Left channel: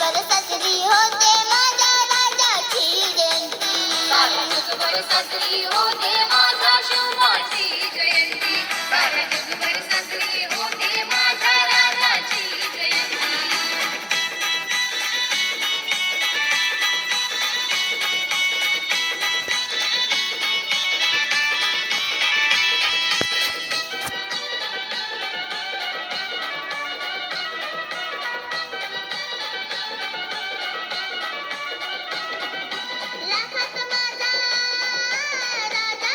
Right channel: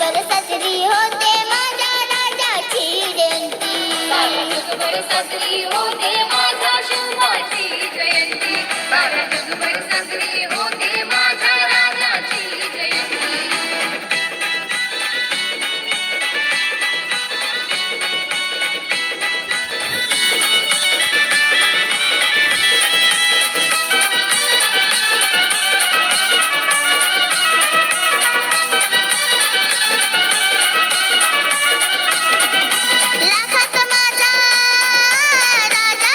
जगभर साजरी होते माझ्या राजाची जयंती. साऱ्या जगभर साजरी होते माझ्या शिवाची जयंती. साऱ्या जगभर साजरी होते माझ्या राजाची जयंती. लाखात माझा राजा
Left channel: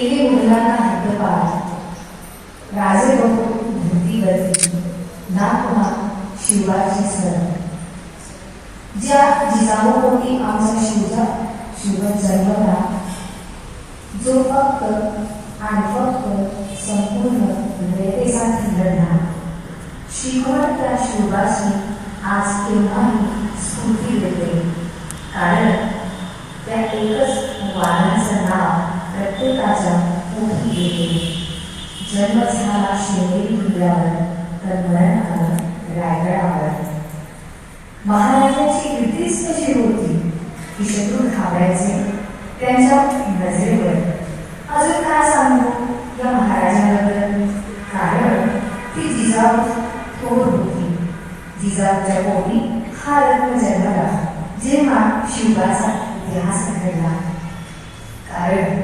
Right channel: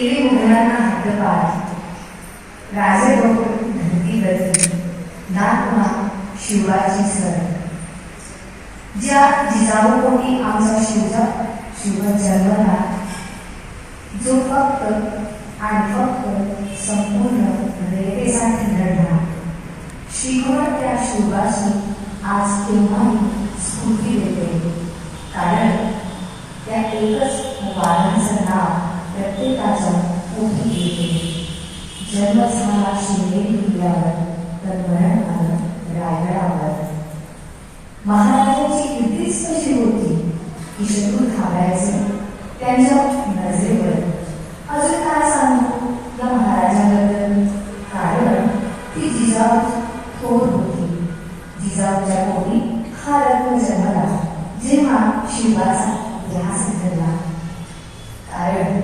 केले मुघलांना हद्दपार. राजे धरतीवरती नातमा शिवाची सर. ज्या जिजाऊपोटी आमचा शिव जन्मला, जो फक्त आणि फक्त संपूर्ण रेतेसाठी लढला. शिकवण त्या शिवाची आज केव्हाही स्फूर्ती देते, कारण त्या एकच वादनाचं नाव प्रत्येकाच्या पोटी येते. जन्म झाला शिवनेरी किल्ल्यावर, तर मरण आलं रायगडावर. महाराजांची कीर्तीच कशी होती की शत्रू घाबरायचे त्यांच्या नजरेवर. अजून काय सांगू या महाराजांबद्दल, कारण ती जिजाऊ थोर होती. जिजाऊच्या पोटी हा रत्न जन्मला जेव्हा शिवाचा इतिहास घडला. कारण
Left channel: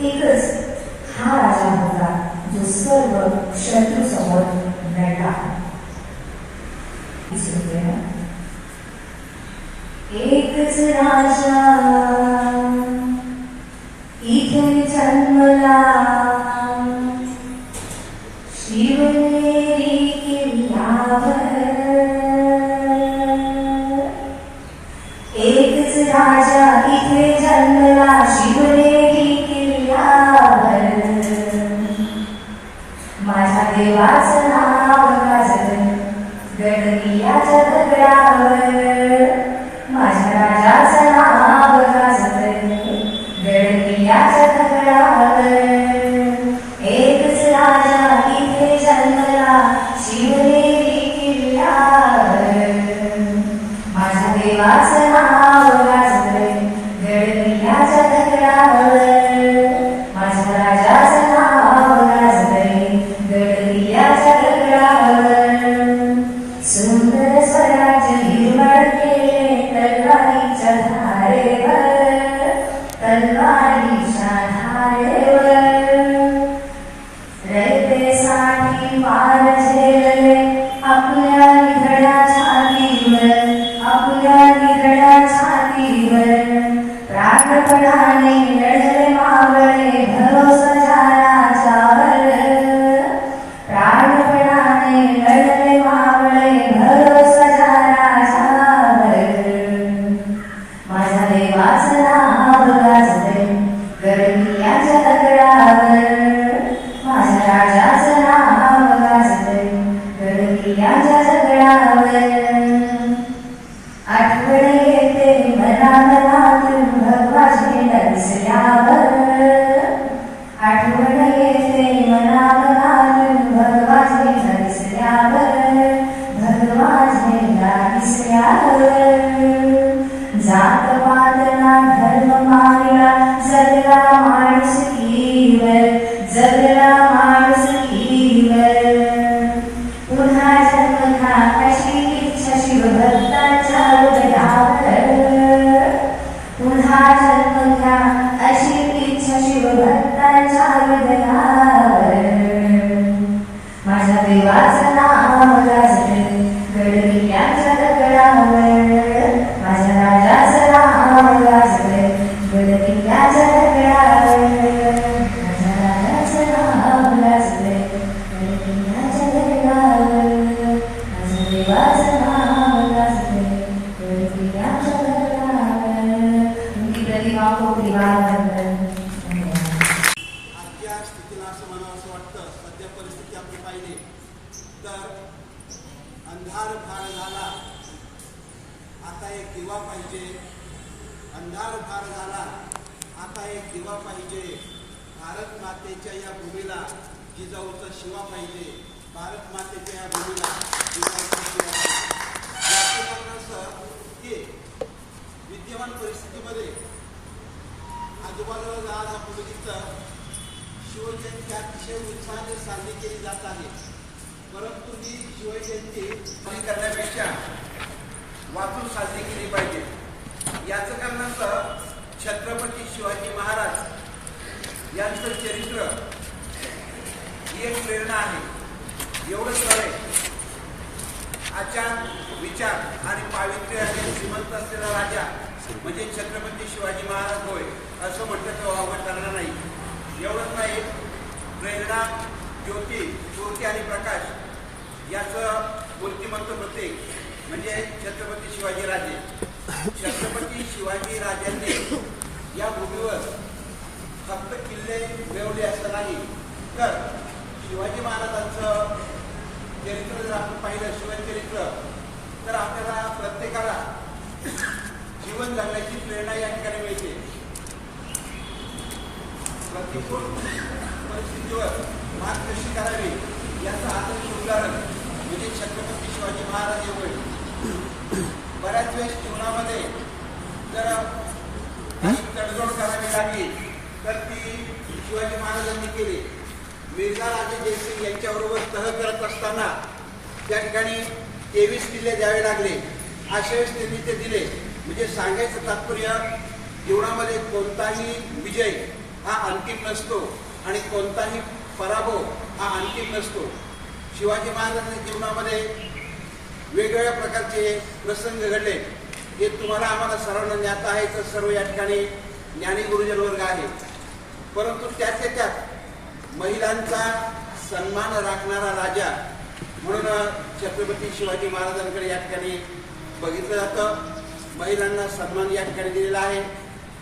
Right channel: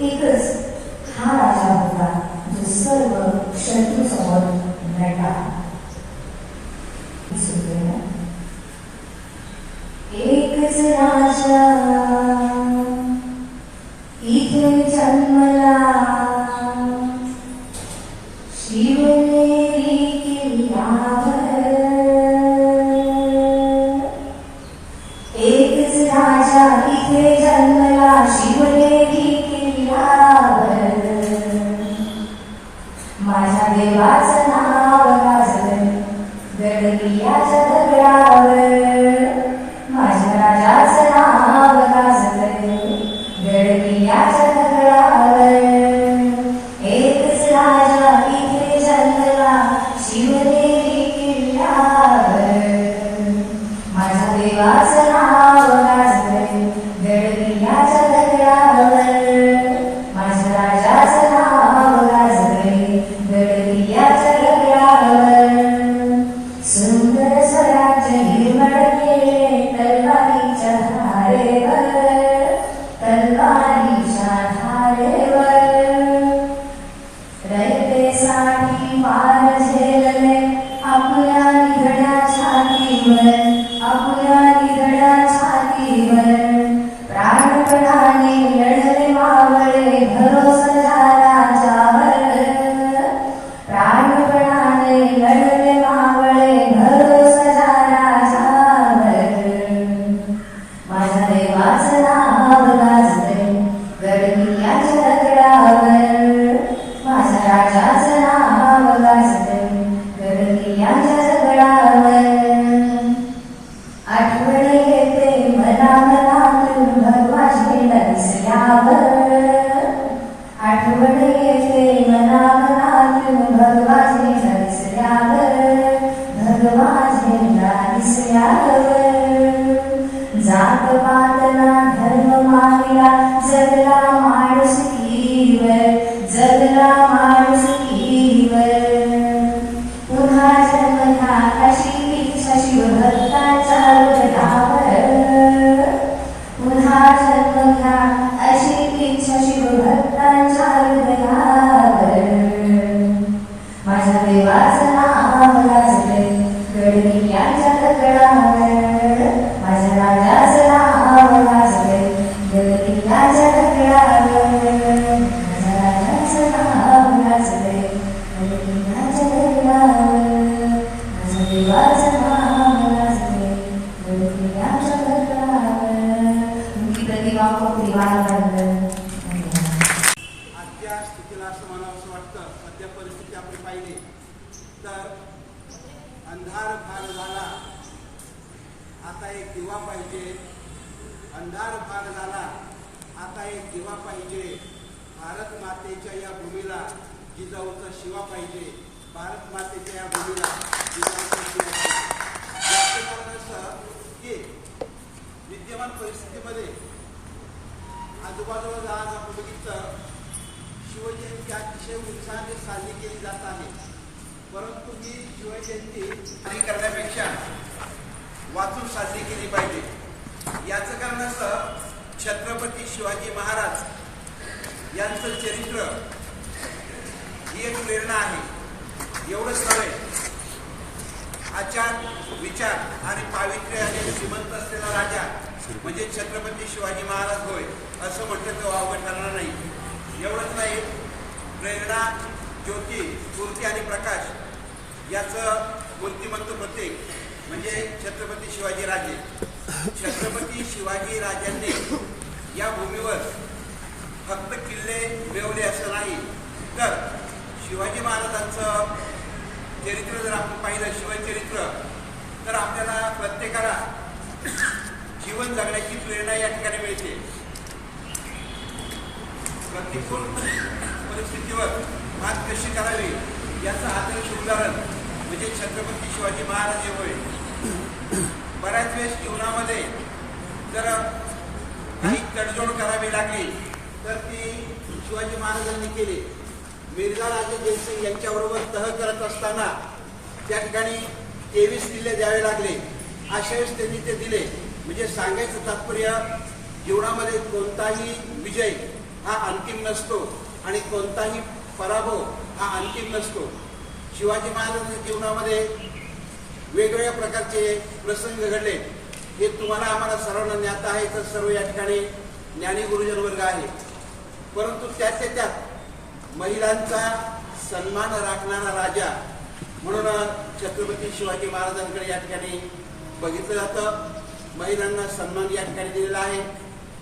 एकच हा राजा होता जो सर्व शत्रू समोर लढला. एकच राजा इथे जन्मला, शिवनेरी किल्ल्यावर. एकच राजा इथे जन्मला, शिवनेरी किल्ल्यावर. माझ्या देवाचं नाव गाजलं गडकिल्ल्याच्या दगडावर. माझ्या राजाचं नाव गाजलं गडकिल्ल्याच्या दगडावर. एकच राजा इथे जन्मला, शिवनेरी किल्ल्यावर. माझ्या देवाचं नाव गाजलं गडकिल्ल्याच्या दगडावर. माझ्या राजाचं नाव गाजलं गडकिल्ल्याच्या दगडावर. सुंदर स्वराज्य निर्माण केले तलवारीच्या धारेवर, तलवारीच्या धारेवर. रयतेसाठी पार झेलले आपल्या निधड्या छातीवर, आपल्या निधड्या छातीवर. प्राणपणाने लढले मावळे भरोसा राजावर. प्राणपणाने लढले मावळे भरोसा राजावर. माझ्या देवाचं नाव गाजलं गडकिल्ल्याच्या दगडावर. माझ्या राजाचं नाव गाजलं गडकिल्ल्याच्या दगडावर. आठवण येते मला मनातून भगवा झेंडा दिसल्यावर. आठवण येते मला मनातून भगवा झेंडा दिसल्यावर, भगवा झेंडा दिसल्यावर. जात पातला धर्म मारिला, जगला माणुसकीवर, जगला माणुसकीवर. पुन्हा जन्म घ्या अशी इच्छा शिवभक्ताच्या हृदयावर. पुन्हा जन्म घ्या अशी इच्छा शिवभक्ताच्या हृदयावर. माझ्या देवाचं नाव गाजलं गडकिल्ल्याच्या दगडावर. माझ्या राजाचं नाव गाजलं गडकिल्ल्याच्या दगडावर. माझ्या राजाचं नाव गाजलं गडकिल्ल्याच्या दगडावर. माझ्या देवाचं नाव गाजलं गडकिल्ल्याच्या दगडावर. प्रतिभा आजच्या स्थितीला असं म्हणावं असं वाटतं, सध्या परिस्थिती आपण पाहिली तर अंधार फार झाला, आता एक दिवा पाहिजे. अंधार फार झाला, आता एक दिवा पाहिजे. भारत मातेच्या या भूमीला जिजाऊचा शिवा पाहिजे. भारत मातेच्या या भूमीला जिजाऊचा शिवा पाहिजे. याचं कारण असं की विद्यमान परिस्थितीमध्ये आजूबाजूला आज आपण बघितलं शिवजयंती अतिशय उत्साहाने साजरी केली जात आहे. परंतु ही शिवजयंती साजरी करण्यापेक्षा वाचून साजरी केली पाहिजे. याचं कारण असं छत्रपती शिवाजी महाराज यांचं चरित्र ही एक प्रेरणा आहे. एवढंच नव्हे, आचार विचार आणि पावित्र्याने श्रीमंत असलेला राजा म्हणजे छत्रपती शिवाजी महाराज होय असं म्हटलं तर वावगं ठरणार नाही. एवढंच नाही, प्रेरणा, ज्योती, स्फूर्ती आणि प्रकाश याचं मूर्तिमंत प्रतीक म्हणजे छत्रपती शिवाजीराजे. छत्रपती शिवाजी राजांनी या भूमीवर फक्त किल्ले मिळवले असं नाही, तर शिवाजी महाराजांचं चरित्र जर आपण पाहिलं, शिवचरित्र, तर आपल्याला प्रत्येकाला जीवन जगण्याची प्रेरणा या ठिकाणी मिळते. प्रतिकूल परिस्थितीवर मात कशी करावी याचं आदर्श उदाहरण म्हणजे छत्रपती शिवाजी महाराज होय. बऱ्याच वेळेस जीवनामध्ये जर काही तडजोड करावी लागली तर ती शिवाजी महाराजांनी केली. मिर्झा राजे जयसिंग यांच्याबरोबर तह करत असताना त्या ठिकाणी 23 किल्ले द्यावे लागले. अशा वेळेस त्यांनी ते दिले. म्हणजे सांगायचं तात्पर्य, जीवनामध्ये कोणताही विजय हा अंतिम नसतो आणि कोणताही पराभव हा अंतिम नसतो. शिवाजी महाराजांच्या जीवनामध्ये वेगवेगळ्या प्रकारचे प्रसंग घडले. हे तुम्हाला आम्हाला सर्वांना ज्ञात आहे, तर सर्व या ठिकाणी ज्ञानी गुरुजन वर्ग आहे. परंतु त्याच्या त्यात महिलांचा सन्मान राखणारा राजा म्हणून छत्रपती शिवाजी महाराजांकडे या ठिकाणी बघितलं जातं. महिलांना सन्मान या ठिकाणी दिलेला आहे.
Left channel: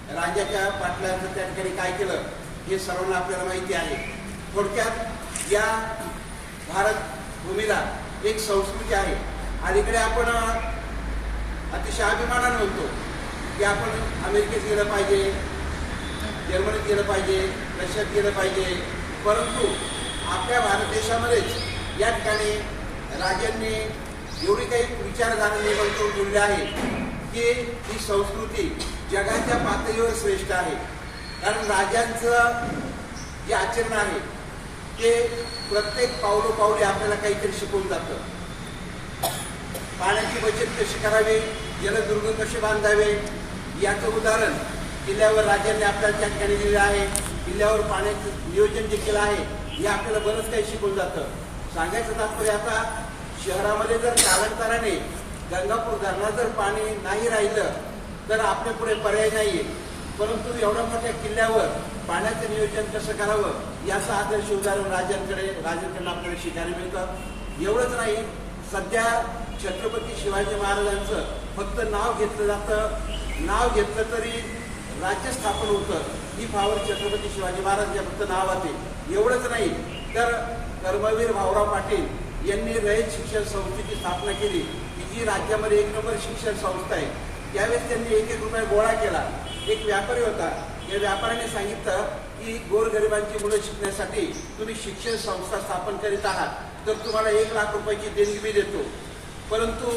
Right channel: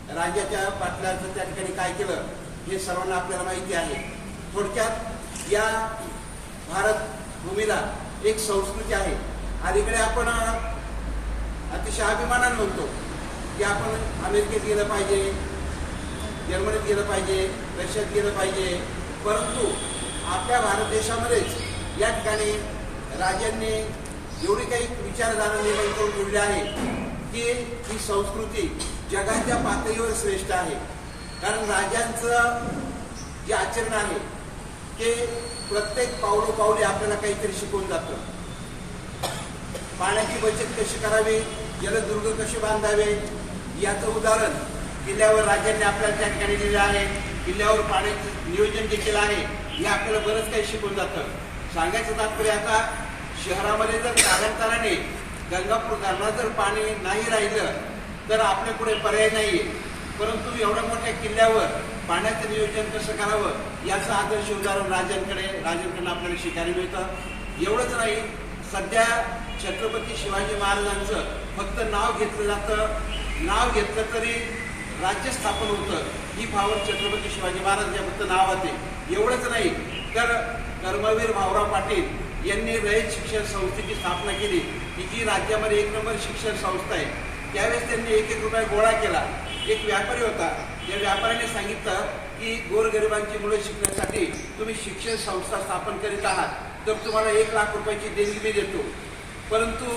राजाच्या पाटलाचं त्या ठिकाणी काय केलं हे सर्वांना आपल्याला माहिती आहे. थोडक्यात या भारत भूमीला एक संस्कृती आहे. अलीकडे आपण अतिशय अभिमानाने म्हणतो की आपण अमेरिकेत गेलं पाहिजे, जर्मनीत गेलं पाहिजे, रशियात गेलं पाहिजे. परंतु आपल्या भारत देशामध्येच या ठिकाणी राजांनी एवढी काही विचारधारा निर्माण करून ठेवली आहे की ही संस्कृती जगाच्या पातळीवर श्रेष्ठ आहे. कारण राजांचं जे आचरण आहे ते प्रत्येक पावलोपावली आपल्याला काहीतरी शिकवून जातं. पाण्याची बचत कशी करावी, जलदुर्ग कसे बांधावे याचं उदाहरण किल्ल्यावर राजांनी आपल्याला त्या ठिकाणी दिलं आहे. किल्ल्यावर पाण्याचं नियोजन जे केलं आहे हे आपल्याला बरंच काही शिकवून जातं. सांगायचं तात्पर्य, आता शहरामध्ये जर कालांतराने गंगापूर धरणात जर पाणी नाही राहिलं तर आपल्या पुढे पर्याय नाहीये. परंतु एवढ्या मोठ्या किल्ल्यावर पाण्याचं नियोजन कसं करावं याचं आदर्श उदाहरण राजांकडून आपल्याला शिकायला मिळतं. एवढंच नाही, सध्या छत्रपती शिवाजी महाराजांचं फक्त नाव घेतलं जातं. नाव घेतलं तरी राज्य स्थापन होतं. ही पावर छत्रपती शिवाजी महाराजांच्या फक्त नावात आहे. एवढंच नाही, तर कर्मवीर भाऊराव पाटील यांनी रयत शिक्षण संस्थेची स्थापना केली, की जी राज्यामध्ये 1 नंबर शिक्षण संस्था आहे. त्यावेळेस त्यांनी 1-1 रुपया गोळा केला. एक व्यापारी होता, त्या व्यापाऱ्याने सांगितलं की गोरगरिबांची मुलं शिकण्यासाठी तुम्ही शिक्षण संस्था स्थापन करीत आहात, तर तुम्हाला 1 लाख रुपयाची देणगी मी देतो. परंतु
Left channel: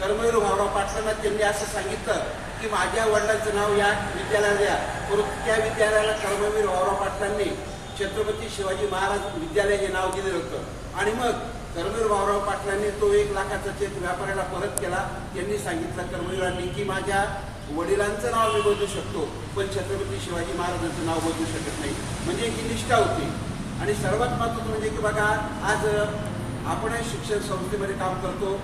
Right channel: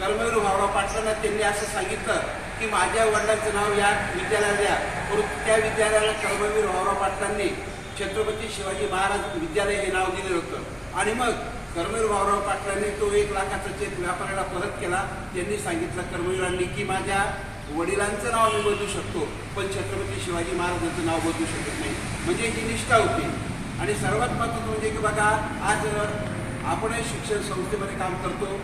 कर्मवीर भाऊराव पाटलांना त्यांनी असं सांगितलं की माझ्या वडिलांचं नाव या विद्यालयाला द्या. परंतु त्या विद्यालयाला कर्मवीर भाऊराव पाटलांनी छत्रपती शिवाजी महाराज विद्यालय हे नाव दिलं होतं. आणि मग कर्मवीर भाऊराव पाटलांनी तो 1 लाखाचा चेक व्यापाऱ्याला परत केला. त्यांनी सांगितलं कर्मवीरांनी की माझ्या वडिलांचं नाव मी बदलू शकतो, पण छत्रपती शिवाजी महाराजांचं नाव बदलू शकत नाही. म्हणजे ही निष्ठा होती. आणि सर्वात महत्त्वाचं म्हणजे की बघा, आज आपण शिक्षण संस्थेमध्ये काम करतो.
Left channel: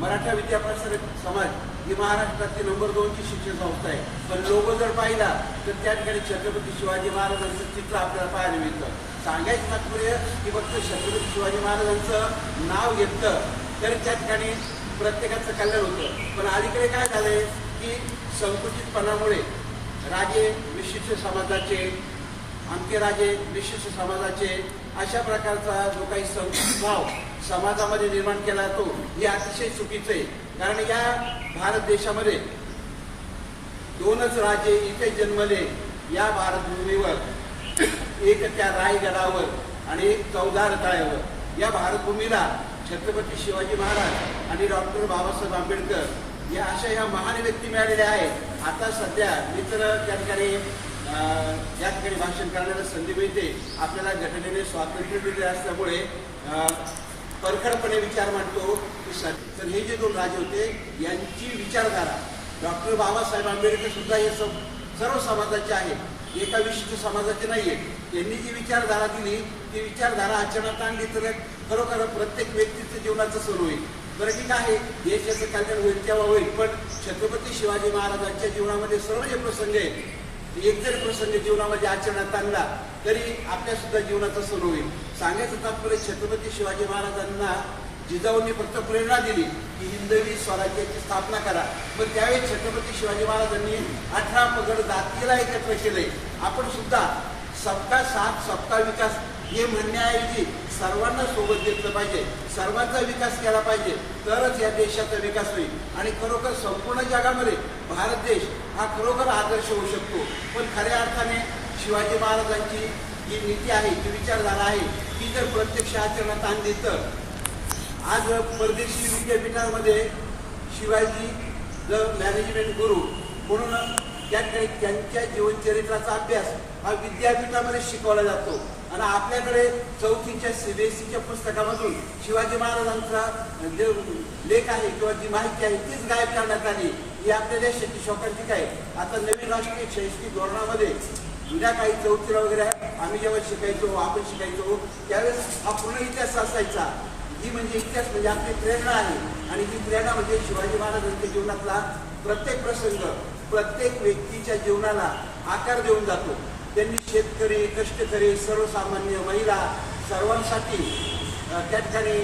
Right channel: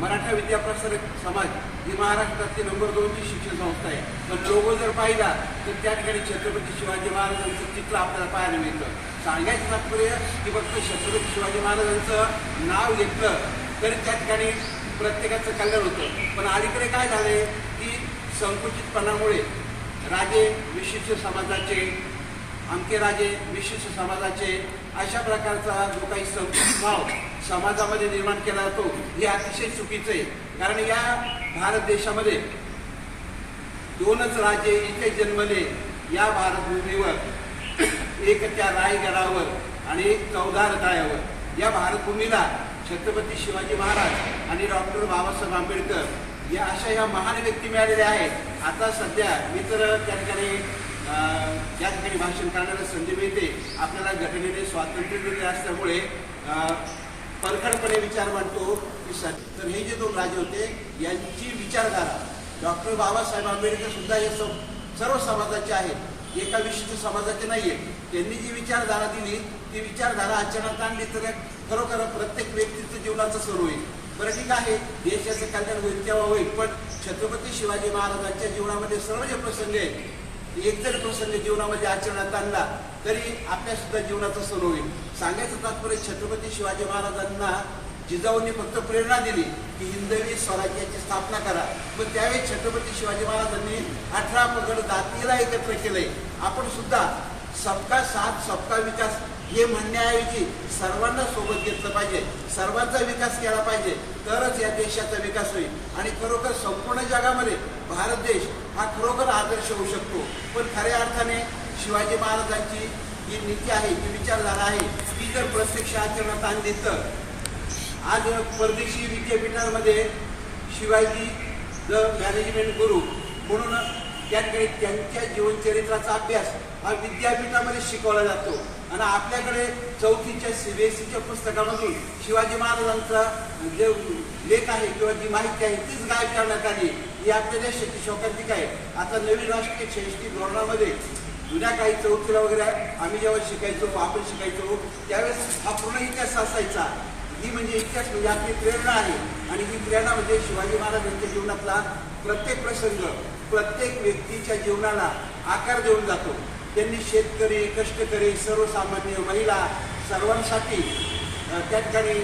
मराठा विद्याप्रसारक समाज ही महाराष्ट्रातली नंबर 2ची शिक्षण संस्था आहे. पण लोगो जर पाहिला तर त्या ठिकाणी छत्रपती शिवाजी महाराजांचं चित्र आपल्याला पाहायला मिळतं. सांगायचं तात्पर्य की फक्त छत्रपती शिवाजी महाराजांचं नाव घेतलं तर त्या ठिकाणी प्रत्येकाचं कल्याण होतं. पण अलीकडे काय झालंय की संकुचितपणामुळे राजे विशिष्ट समाजाचे, आमके राजे विशिष्ट समाजाचे, अशा प्रकारचा जो काही संकुचित भाव समाजामध्ये निर्माण केला जातो हे अतिशय चुकीचं आहे. कारण या भारत देशामध्ये 2च राजे इथे जन्मले या भारतभूमीवर, एक त्या रायगडावर आणि एक चौदार तळ्यावर. या भारतभूमीला छत्रपती शिवाजी महाराज आणि डॉक्टर बाबासाहेब आंबेडकर या अशा ह्या महान व्यक्ती मिळालेल्या आहेत. आता सध्या मी तर त्या ठिकाणी या ठिकाणी भाषण करण्याला संधी मिळते. आपल्याला घटनेने स्वातंत्र्य दिले असल्यामुळे परखडपणे विचार मांडतो की तर हे जे 2 राजे होते यांची विचारधारा, डॉक्टर बाबासाहेब आंबेडकर सुद्धा हे सर्व समाजाचे आहेत, एका विशिष्ट समाजाचे नाहीये. त्यांनी जी विचारधारा दिली ती विचारधारा आचरणात आणली तर खरोखर प्रत्येक व्यक्तीचं जीवनाचं सुरू होईल. बरं ठीक आहे, देशाचं कल्याण होईल तेव्हा होईल. पण छत्रपती शिवाजी महाराजांच्या जीवनामध्ये सर्व जे प्रसंग आहेत एक जरी प्रसंग जीवनामध्ये आचरणात आणला तरी आपल्या सुद्धा जीवनाचं सुरू होईल. सांगायचं तात्पर्य छत्रपती शिवाजी महाराजांना जिजाऊंनी फक्त प्रेरणा दिली की हिंदवी स्वराज्याची स्थापना करा, पण त्यावेळी छत्रपती शिवाजी महाराजांनी 18 पगड जातीला एकत्र केलंय. आपण सुद्धा सबका साथ सबका विकास हे म्हणण्याऐवजी सर्वांना सोबत घेतलं पाहिजे, सर्वांचा विकास केला पाहिजे, तरच या देशाचा विकास होईल आणि खरोखर संपूर्ण जगामध्ये भारत देश हा खरोखर आदर्श होऊ शकतो. पण खऱ्या अर्थाने शिवाजी महाराजांची जी नीती आहे, जी विचारधारा आहे, ती जर प्रत्यक्ष आचरणात आणली तर आज परदेशी विद्यापीठांमध्ये शिवाजी द मॅनेजमेंट गुरु म्हणून त्याकडे त्यांच्या जीवनचरित्राचा अभ्यास हा विद्यापीठामध्ये शिकवला जातो आणि आपल्याकडे 4थीच्या CBSEच्या पुस्तकामधून शिवाजी महाराजांचा जे लेख आहे किंवा जी माहिती आहे तीच गायब करण्यात आली. ही आपल्या देशाची शोकांतिका आहे. आता नवीन राष्ट्रीय शैक्षणिक धोरणामध्ये जुन्या काही 4थीला वगैरे आम्ही जेव्हा शिकायचो, आपण शिकायचो त्यावेळेस हा पूर्ण इतिहास असायचा. ही म्हणजे इतिहास म्हणजे आपली प्रेरणा आहे आणि ही प्रेरणा म्हणजे शिवाजी महाराजांच्या जीवनातला प्रत्येक प्रसंग प्रत्येक व्यक्तीच्या जीवनाला आकार देऊन जातो. त्यांनी शेतकरी, कष्टकरी, सर्वसामान्य, महिला सर्वांसाठी त्या ठिकाणी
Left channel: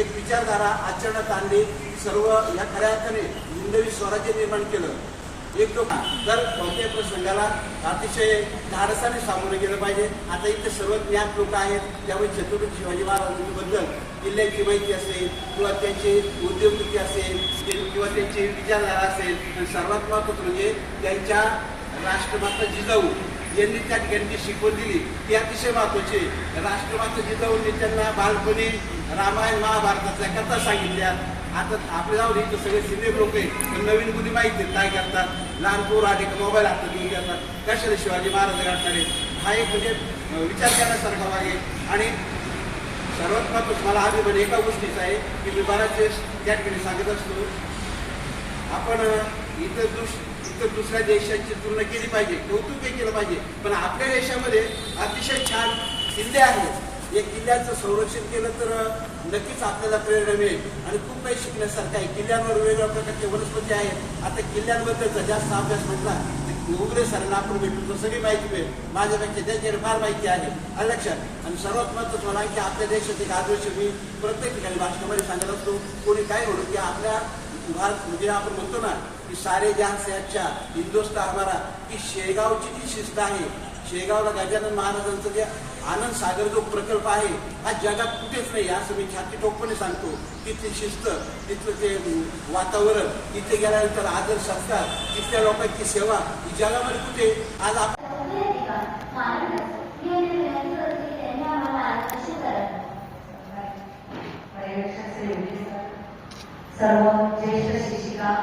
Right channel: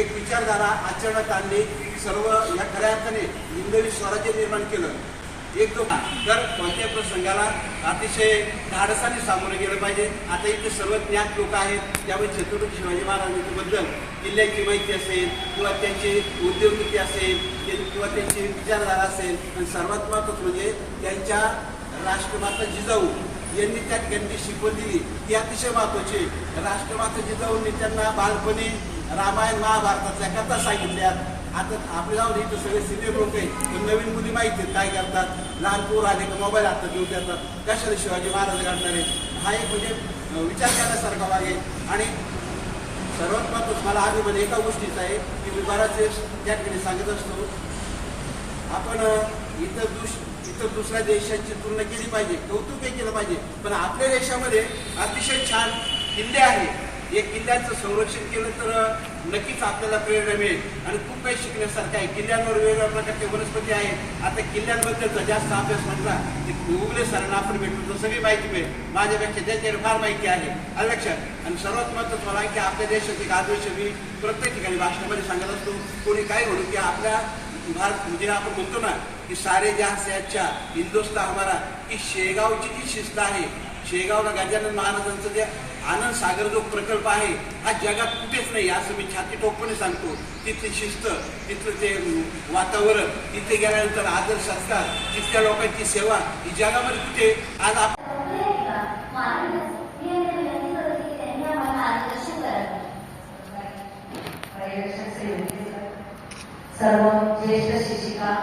एक विचारधारा आचरणात आणली. सर्व या खऱ्या अर्थाने हिंदवी स्वराज्य निर्माण केलं. एक तर कोणत्याही प्रसंगाला अतिशय धाडसाने सामोरे गेलं पाहिजे. आता इथे सर्व ज्ञात लोक आहेत, त्यामुळे छत्रपती शिवाजी महाराजांबद्दल किल्ल्याची माहिती असेल किंवा त्यांची उद्योगनीती असेल किंवा त्यांची विचारधारा असेल आणि सर्वात महत्त्वाचं म्हणजे त्यांच्या राष्ट्रमाता जिजाऊ यांनी त्या ठिकाणी जी शिकवण दिली ती अतिशय महत्त्वाची. राष्ट्रमाता जिजाऊंनी त्यांना बालपणी रामायण महाभारताच्या कथा सांगितल्या. आता आपल्या जाऊन इथं सगळे सिनियर लोक आहेत, पण नवीन मुली माहिती आहेत काय करतात. लहान पोर आले का मोबाईल हातात देऊन देतात. कशाला शिवाजी महाराज घडणारे हा एक म्हणजे विचार करण्यासारखा भाग आहे. आणि सर्वात महत्त्वाचं मला आधी म्हणजे एका गोष्टीचं आहे की मी बऱ्याच वेळेस त्या ठिकाणी सांगत असतो, आपण इतर दुसऱ्या देशांची तुलना केली पाहिजे, कौतुकही केलं पाहिजे, पण आपल्या देशामध्ये अतिशय छान किल्ले आहेत. या किल्ल्यांचं संरक्षण केलं तर नक्कीच आपल्याला प्रेरणा मिळेल आणि खूप काही शिकण्यासारखं आहे. किल्ल्यांवर वेगवेगळ्या प्रकारचे वनस्पती आहेत. आता किल्ल्यांबद्दलचा जास्त अभ्यास म्हटला तर उगले सरांना आपण भेटून तर सगळी माहिती मिळेल. माझ्यापेक्षा ज्यांच्याकडे फार माहिती आहे लक्षात. आणि सर्वात महत्त्वाचं मला की आपल्या देशात एक आदर्श मी प्रत्येक ठिकाणी भाषणामध्ये सांगत असतो. कोणी काय म्हणू की आपल्या भारत म्हणजे आपण म्हणतो ना की सारे जहां से अच्छा हिंदुस्तान हमारा, की शेगावची जी शिस्त आहे, शेगावला गजानन महाराजांचं जे आनंद सागर जो प्रकल्प आहे हा जगात कुठेच नाही असं मी छाती ठोकपणे सांगतो. तिथली शिस्त, तिथलं ते वातावरण, तिथे गेल्यानंतर आदर सत्कार, तिथल्या लोकांची सेवा ही जगामध्ये कुठे आज सर्व ज्येष्ठ शिक्षिका,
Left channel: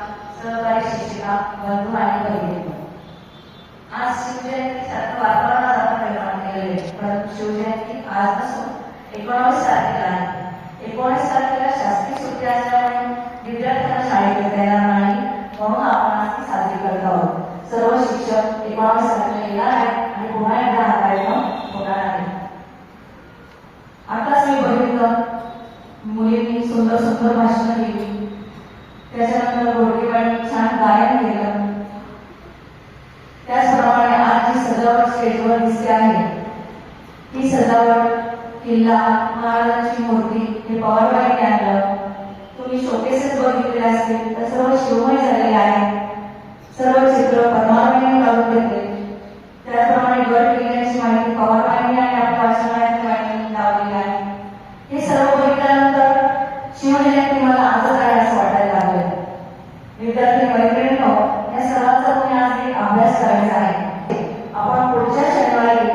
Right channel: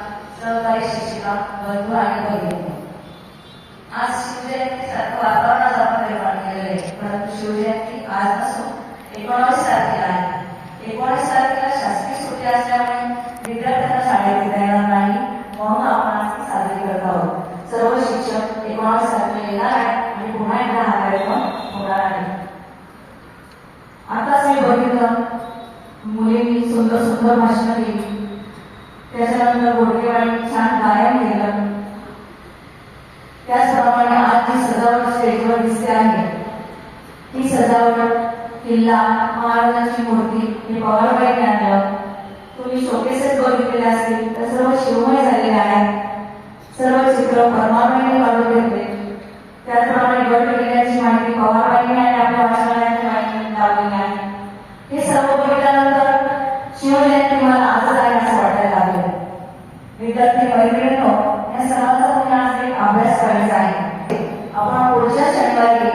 सहकारी शिक्षिका, बंधू आणि भगिनी, आज शिवजयंतीसारखं वातावरणात आपण निर्माण केलेलं आहे. परंतु शिवजयंती आज नसून 19 तारखेला आहे. 19 तारखेला शासकीय सुट्टी असल्यामुळे विद्यार्थ्यांना शाळेत येता येणार नाही, म्हणून आपण आज ती साजरी करत आहोत. सर्व शिक्षक 19 तारखेला येणार आहे आणि पुन्हा एकदा हा कार्यक्रम होणार आहे. आताच मी बघितलं मुलींनी सुंदर सुंदर भाषणं दिली, त्याच्यानंतर गोडकेवाडी छान गायन केलं. त्याचप्रमाणे आज जी सजावट स्टेजवर दिसते आहे ती सजावट किल्ला, महाराजांची मूर्ती हे पवारबाईंनी आणलं. तुम्ही शोकेसेस बघितलेले असतील तर सर्व शिवमय झालेले आहे. सर्व चित्र परमारबाईंनी काढून घेतले. त्याचप्रमाणे गड किल्ल्याची माहिती पवारबाईंनी आणि आपल्या वाचनालयाची माहिती लावलेली आहे. हे सर्व बघितल्यानंतर शिवजयंती मला आजच आहे असं वाटायला लागलं. विद्यार्थी मैत्रिणींनो, या सर्वांचा तुम्ही आज एक अभ्यास करायचा आहे. आपण पुढच्या शनिवारी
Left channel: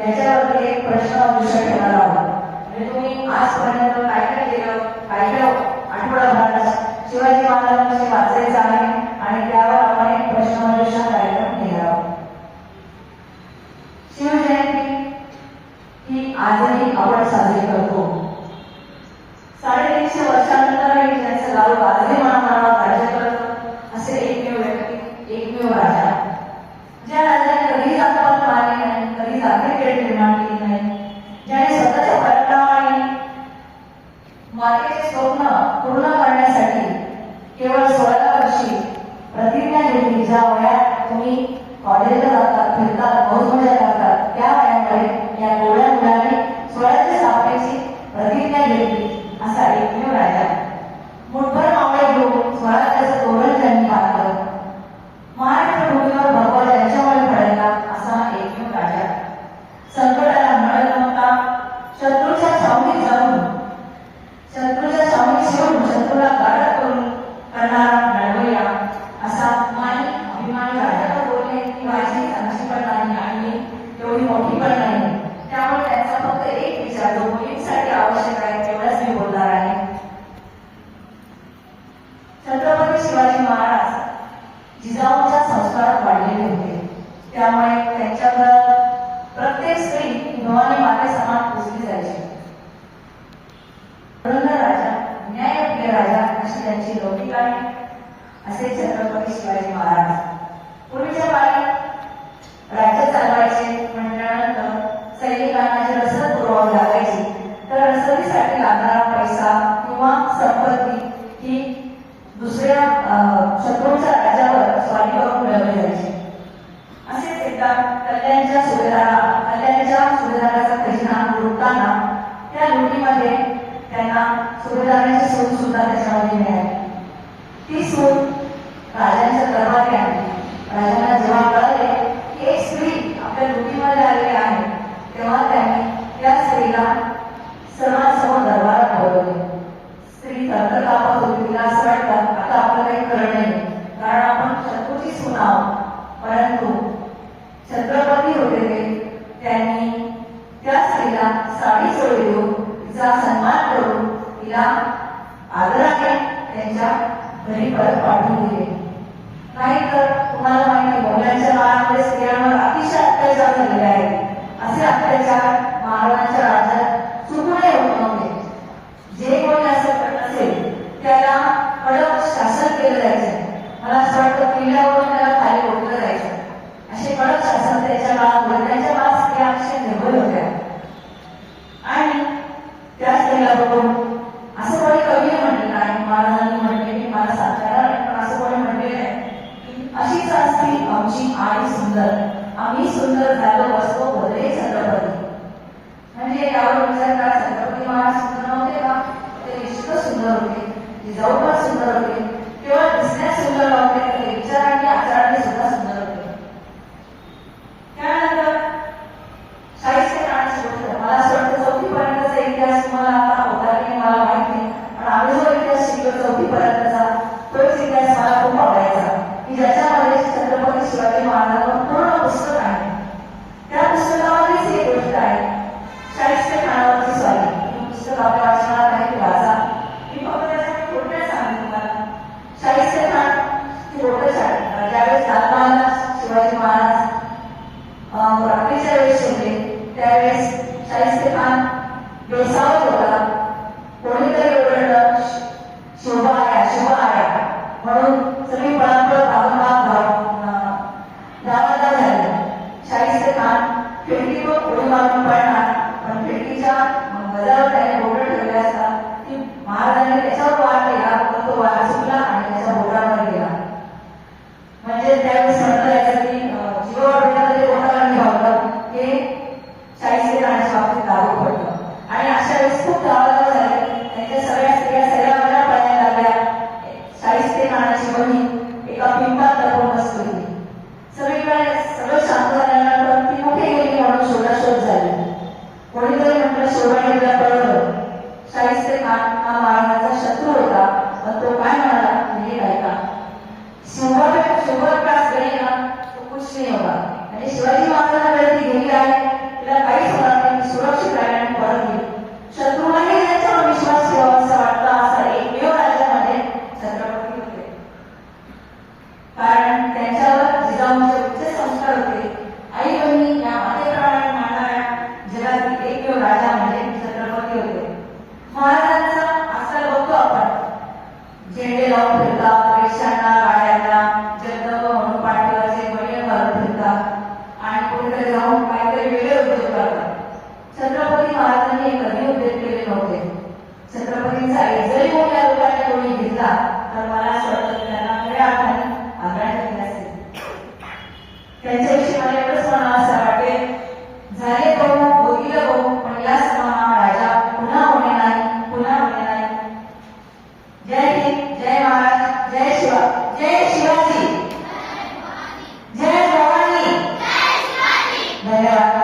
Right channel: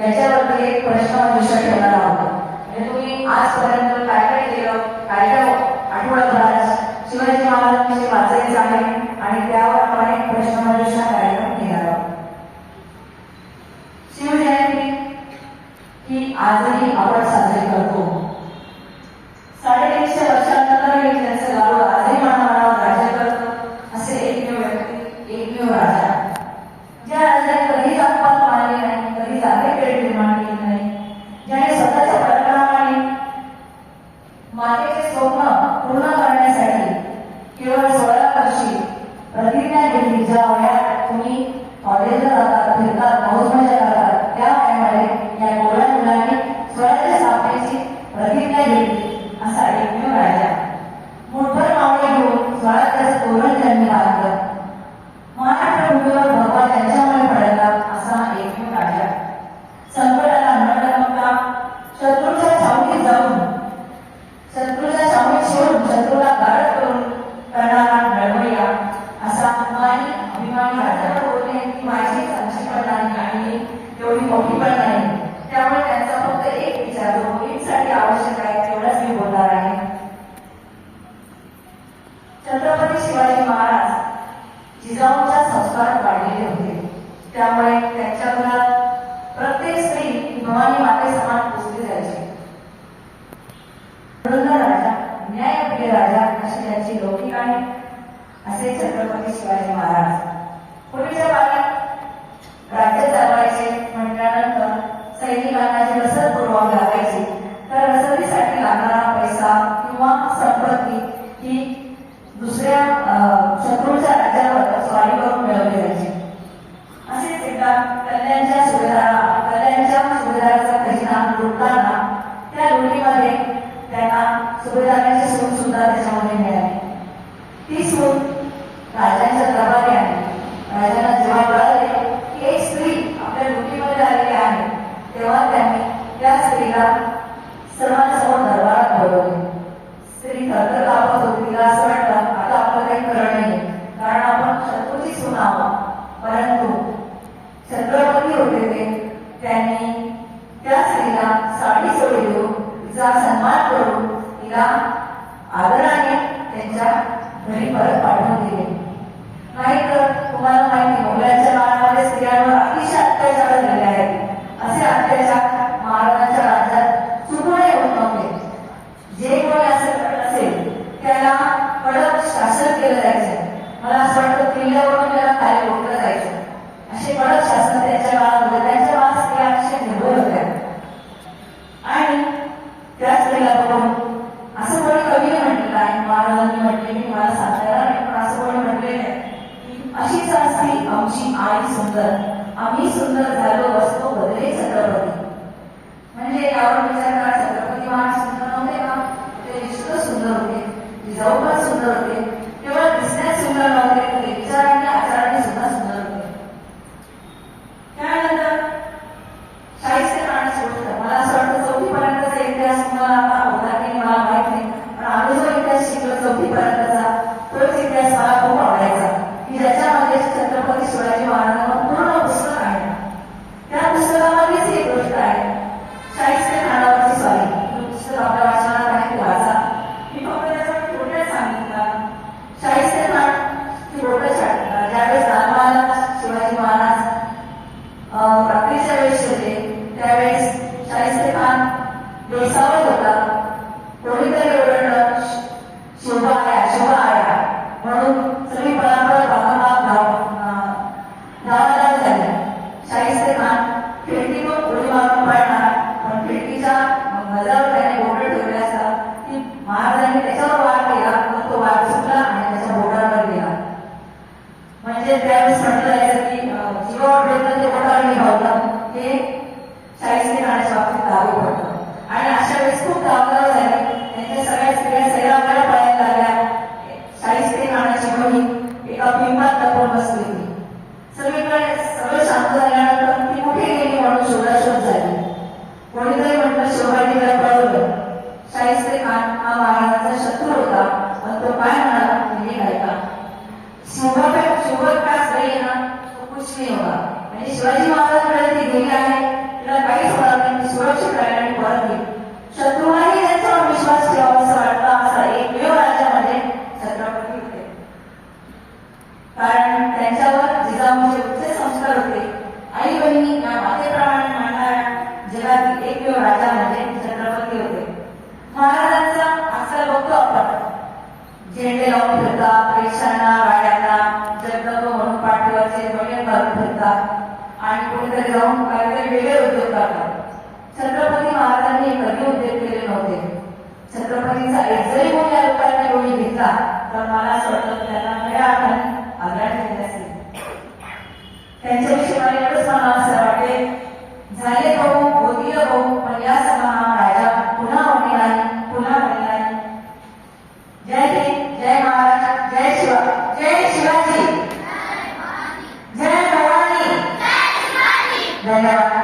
याच्यावरती एक प्रश्नमंजुषा ठेवणार आहोत. म्हणजे तुम्ही आजपर्यंत काय काय केलं, काय काय आठवडाभरात शिवाजी महाराजांविषयी वाचायचं आहे आणि त्यावर आपण एक प्रश्नमंजुषा कार्यक्रम घेणार आहोत. शिवजयंती ही आजही आपण साजरी करतो. 350 वर्षांनंतर त्यांचं लाडू आजही मानणारा राज्य करत असे एकमेव व्यक्ती, एकमेव राजा, ज्या राजाने कधी जातपात मानली नाही, कधी जातीभेद निर्माण केली नाही, ज्याने स्वतःच्या पराक्रमाने मातेचे स्वप्न पूर्ण करण्यासाठी केवळ 16 वर्षी प्रतिज्ञा घेतली. ज्या वयात तुम्ही कॉलेजला जाता, ती सून राजांच्या दरबारी आणली. राजांना जेव्हा कळले की एक स्त्री आपल्या रुटीमध्ये आलेली आहे, तेव्हा त्यांनी त्या स्त्रीला सर्वांसमोर दरबारात बोलवले. स्त्री थरथर कापत होती. तिला असं वाटलं आता आपलं काही खरं नाही, कारण आपण शत्रूची सून आहोत. परंतु छत्रपती होते त्यांनी त्या स्त्रीला साडी चोळी देऊन तिचा सन्मान करून तिला आदराने त्यांच्या घरी परत पाठवून दिले. नाहीतर तुम्हाला माहिती, मोगलांच्या काळामध्ये स्त्रियांवर अतिशय अत्याचार झालेले आहेत. असे अत्याचार महाराजांच्या राज्यात चुकूनही होत नव्हते. जे कोणी असं करत असेल त्याला कडक शासन केलं जायचं. मला असं वाटतं किल्ल्यावरून त्याला खाली रोखलं जायचं. असे कडक शासन त्यांच्या काळामध्ये. त्यांच्या काळात स्त्रिया अतिशय निर्भय होत्या. आणि त्या स्त्रीला बघून असं कोणी कवीने म्हटलेलं आहे, महाराजांनी म्हटले की मला सांगता येणार नाही, पण असं कोणी म्हटलेलं आहे की अशीच असती आमची आई सुंदर, आम्ही सुंदर झालो बसतो बदले छत्रपती. म्हणजे यावर विचार करा, छत्रपती महाराज सुंदर नव्हते का? ते निश्चित सुंदर होते, जिजाऊ पण सुंदर होते. केवळ दिसण्यात सुंदर नव्हते, तर विचारांनी आचारांनी सुद्धा सुंदर होते. त्यानंतर शाहिस्ते खान सुरू. मला असं वाटतं 4थी पर्यंतचा इतिहास तुम्हाला आता होता की मला माहित नाही, पण आम्ही जो इतिहास शिकलो 4थी पर्यंतचा, तोच इतिहास मला खूप आवडायचा की ज्याच्यामध्ये छत्रपती शिवाजी महाराजांचं पूर्ण पुस्तक आहे. त्या पुस्तकामध्येच एक गोष्ट आहे, शाहिस्ते खानावरची स्वारी. पुस्तक आपल्या वाचनात आहे, ते वाचा. मी फक्त त्याचा थोडक्यात सांगेन तुम्हाला. शाहिस्ते खान ही गोष्ट ज्यावेळेस लालमहाराज शिवाजी महाराज रात्रीच्या वेळेस शिरले, त्यावेळेस शाहिस्ते खान बेसावत होता. कोणीतरी ओरडलं शोभा आया, शोभा आया म्हणून सगळी पळापळ धावाला झाली. शाहिस्ते खान खिडकीतून उडी मारून पडणार, पण खिडकीच्या मजावर त्याने बोट ठेवले असता की महाराजांनी त्याच्यावर वार केला, तर तो वार चुकला आणि त्याच्या बोटावर गेला. म्हणजे त्यावेळेस म्हटलं जायचं की जीवावर जे बोटावर निभावलं हे शाहिस्ते खानाच्या बाबतीत लागू पडलं. आणि अशा वेळेस खूप धावधाव झाली. त्यांच्या सगळ्या स्त्रिया सैरावळ्या पळायला लागल्या. शाहिस्ते खानाची बहीण एका पिंपात लपून बसली होती. सगळीकडे सगळं शांत झाल्यानंतर ती कुठे गेली म्हणून शोधाशोध झाली. कोणीतरी म्हटलं शोभाने तिला पळवलं. शाहिस्ते खान हा महाराजांचा शत्रू होता, पण तो काय म्हणाला म्हणजे ऐका, शोभत पास गई ना तो कुछ नाही होगा. म्हणजे शिवाजी महाराजांकडे ती गेली आहे, तिला काहीच होणार नाही, ती सुरक्षित राहील आणि परत येईल. शत्रूलाही त्यांच्यावर विश्वास ठेवावा असं वाटतं. असा एकमेव राज्यामध्ये छत्रपती होते, कारण त्यांच्यावर जिजाऊंचे उच्च संस्कार होते. आई बहिणी या मातेप्रमाणे मानणाऱ्या जगातील एकमेव राजा म्हणजे छत्रपती होते. महाराजांचा आजकाल बघतो आपण, झेंडे लावून फिरतात, रिक्षांना, गाड्यांना जगदंब म्हणून पाठीवरचे ध्वनी घालून फिरतात आणि कोणीतरी जाऊन काहीतरी वेगळे उद्योग करतात. छत्रपती महाराजांनी हे कधी उद्योग केले नव्हते. छत्रपतींचा एक जरी कोणी या लोकांनी कोणी घेतला तर मला असं वाटतं त्यांना खऱ्या अर्थाने आदराने घेतले असते. त्यांच्याविषयी मला एवढंच म्हणावं असं वाटेल, झाले बघू होतील बघू, पण या समान राजा पुन्हा होणे नाही, पुन्हा होणे नाही. जय हिंद, जय महाराज, जय शिवा, जय शिवाजी, जय भवानी, धन्यवाद.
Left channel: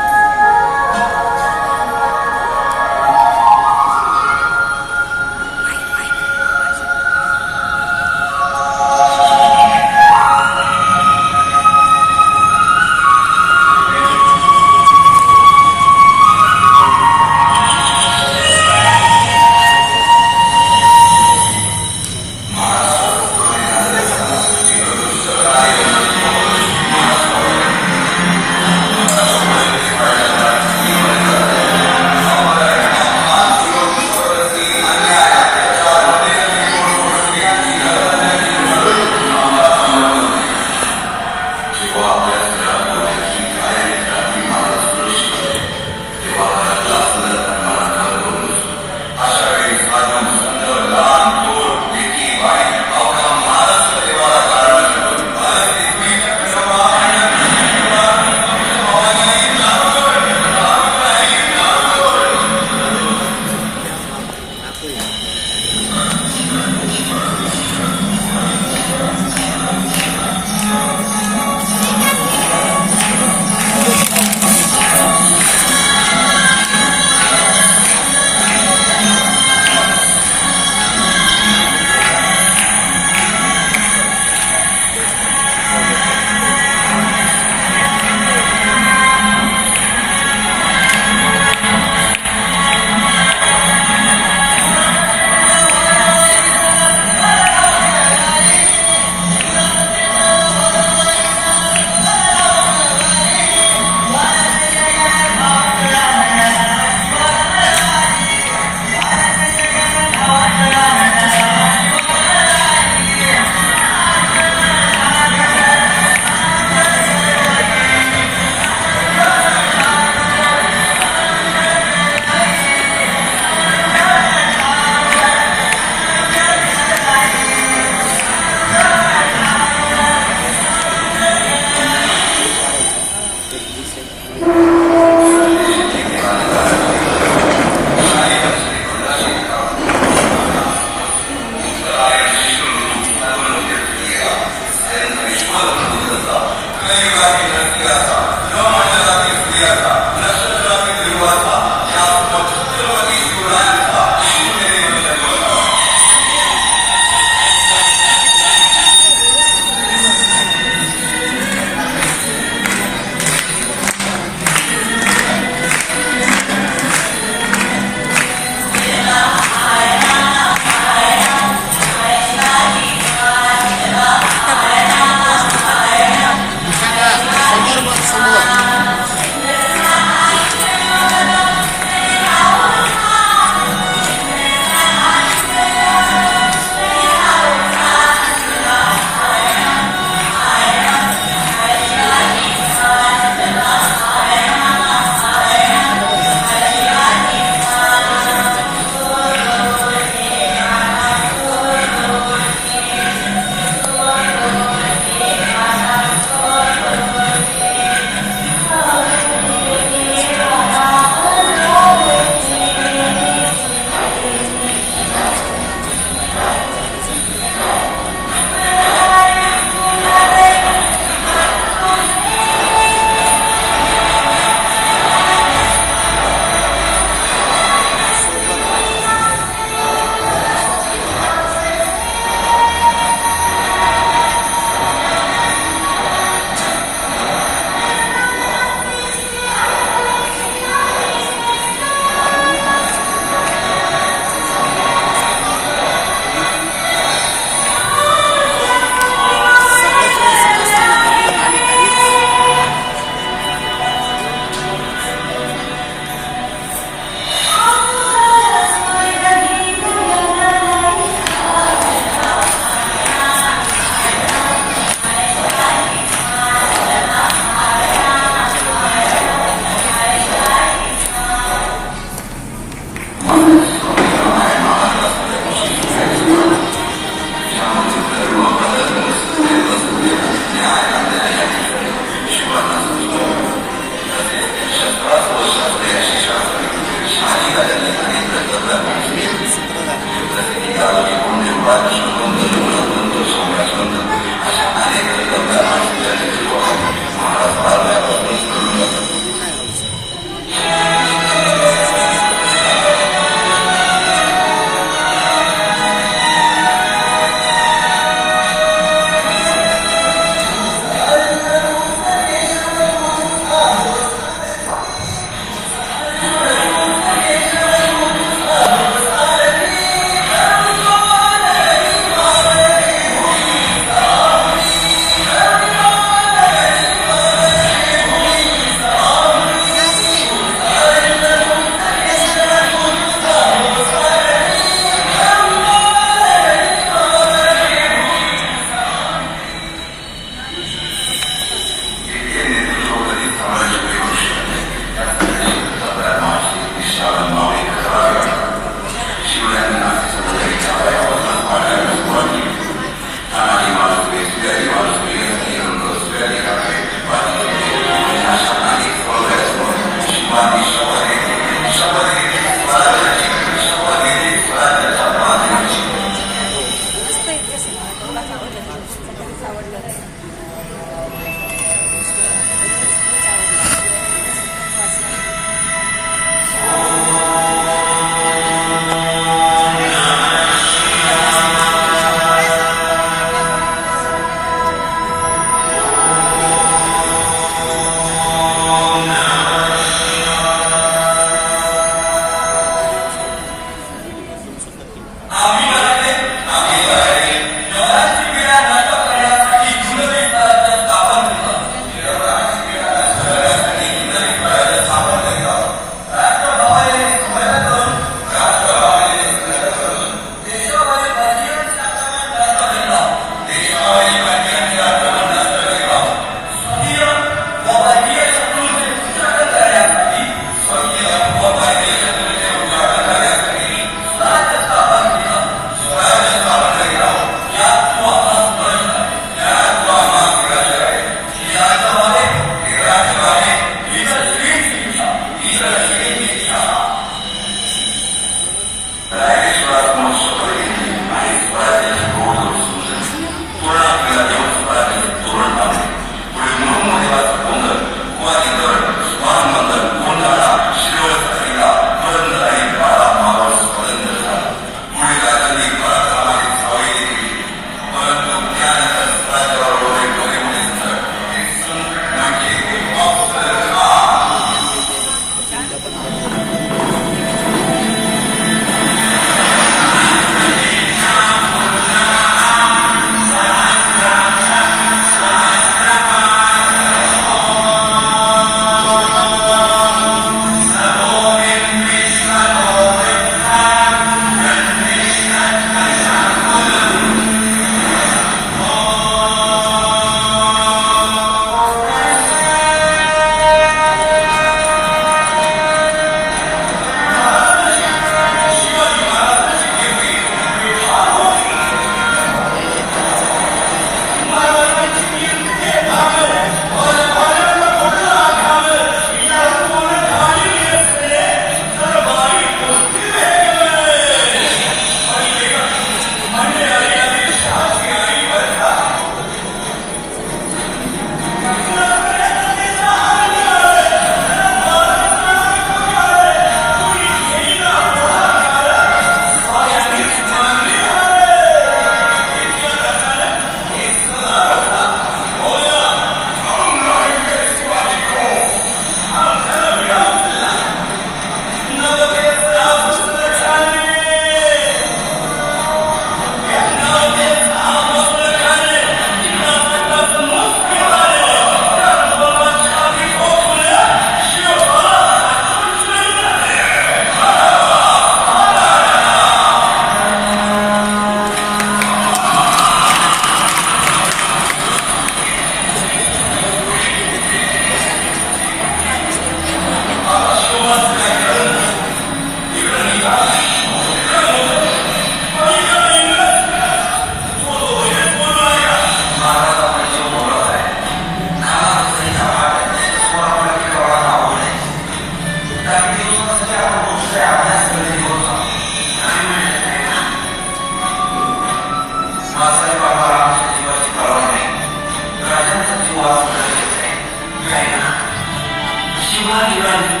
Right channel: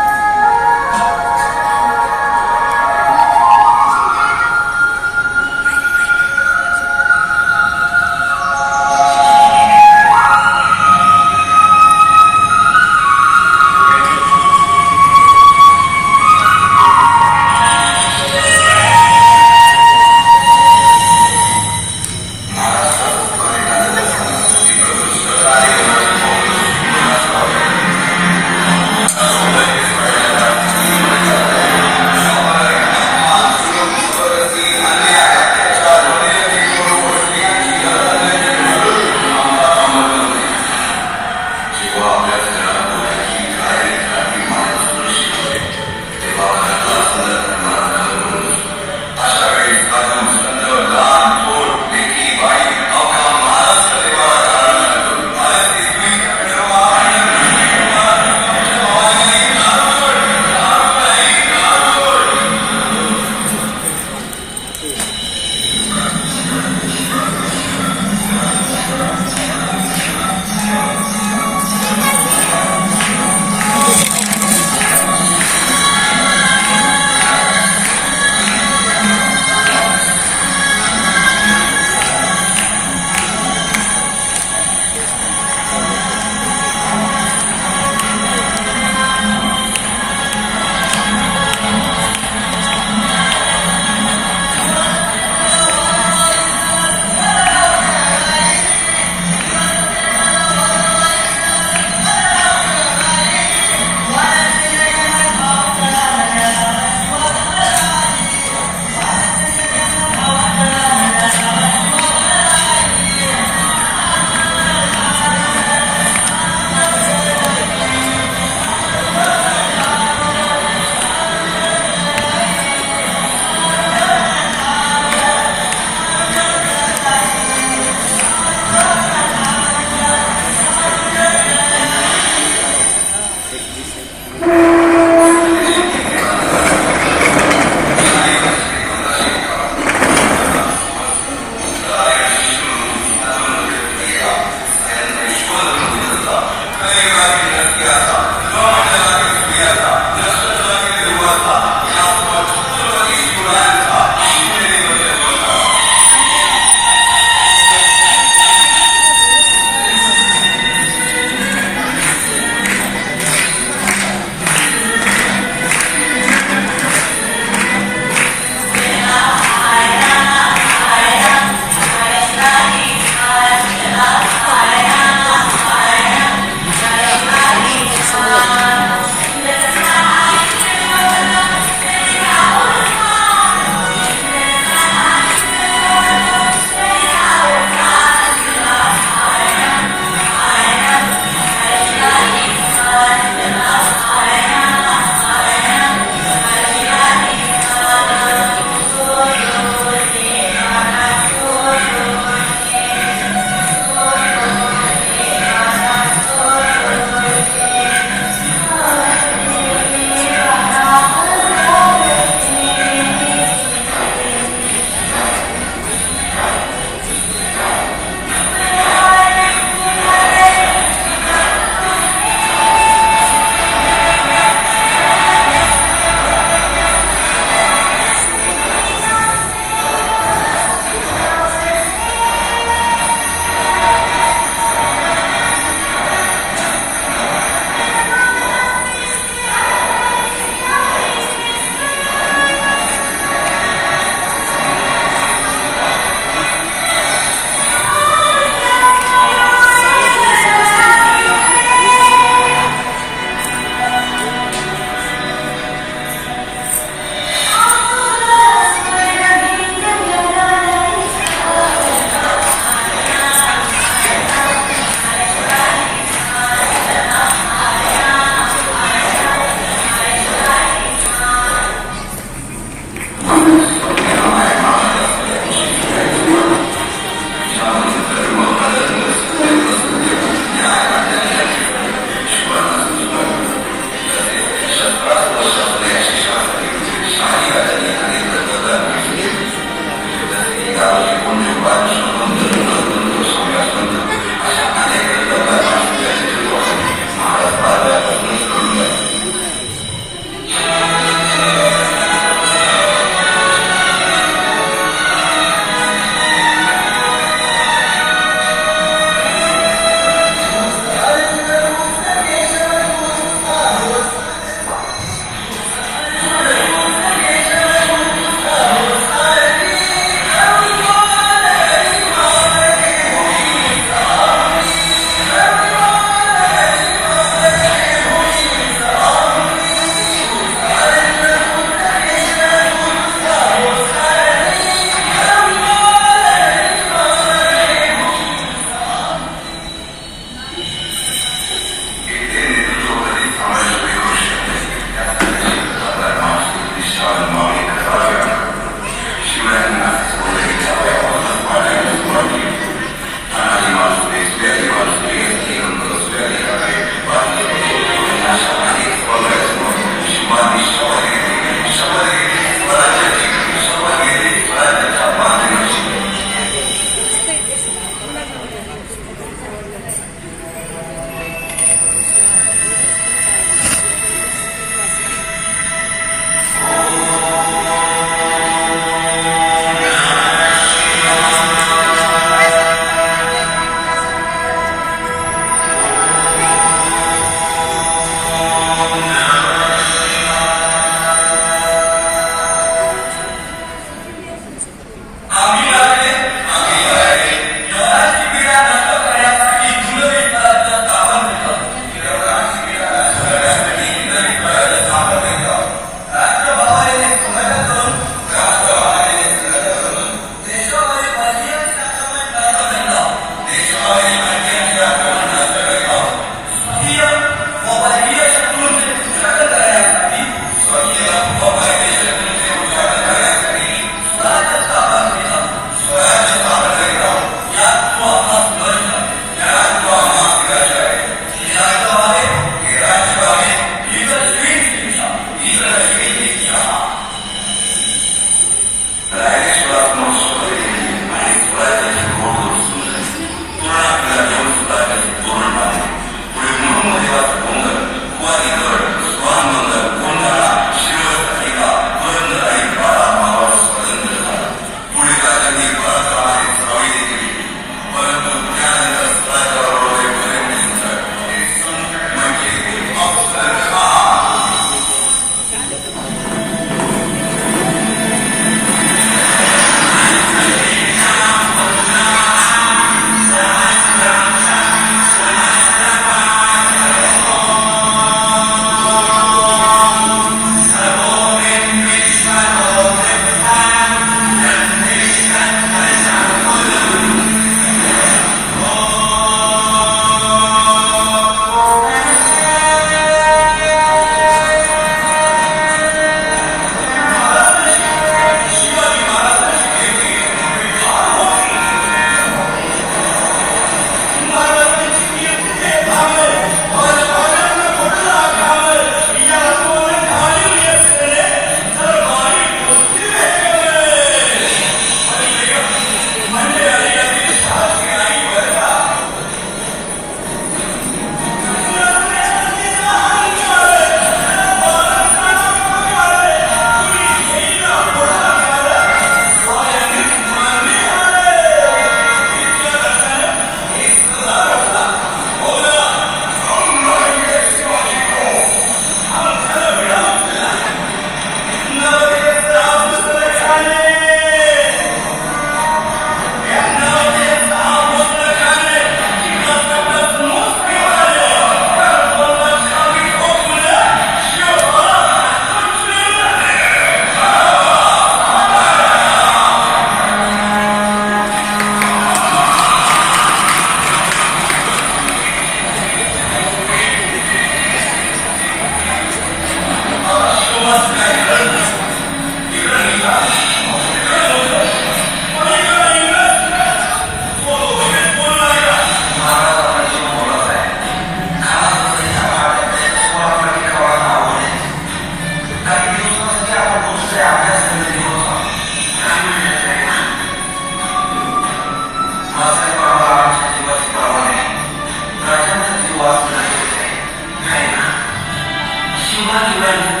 किंवा दिव्यांग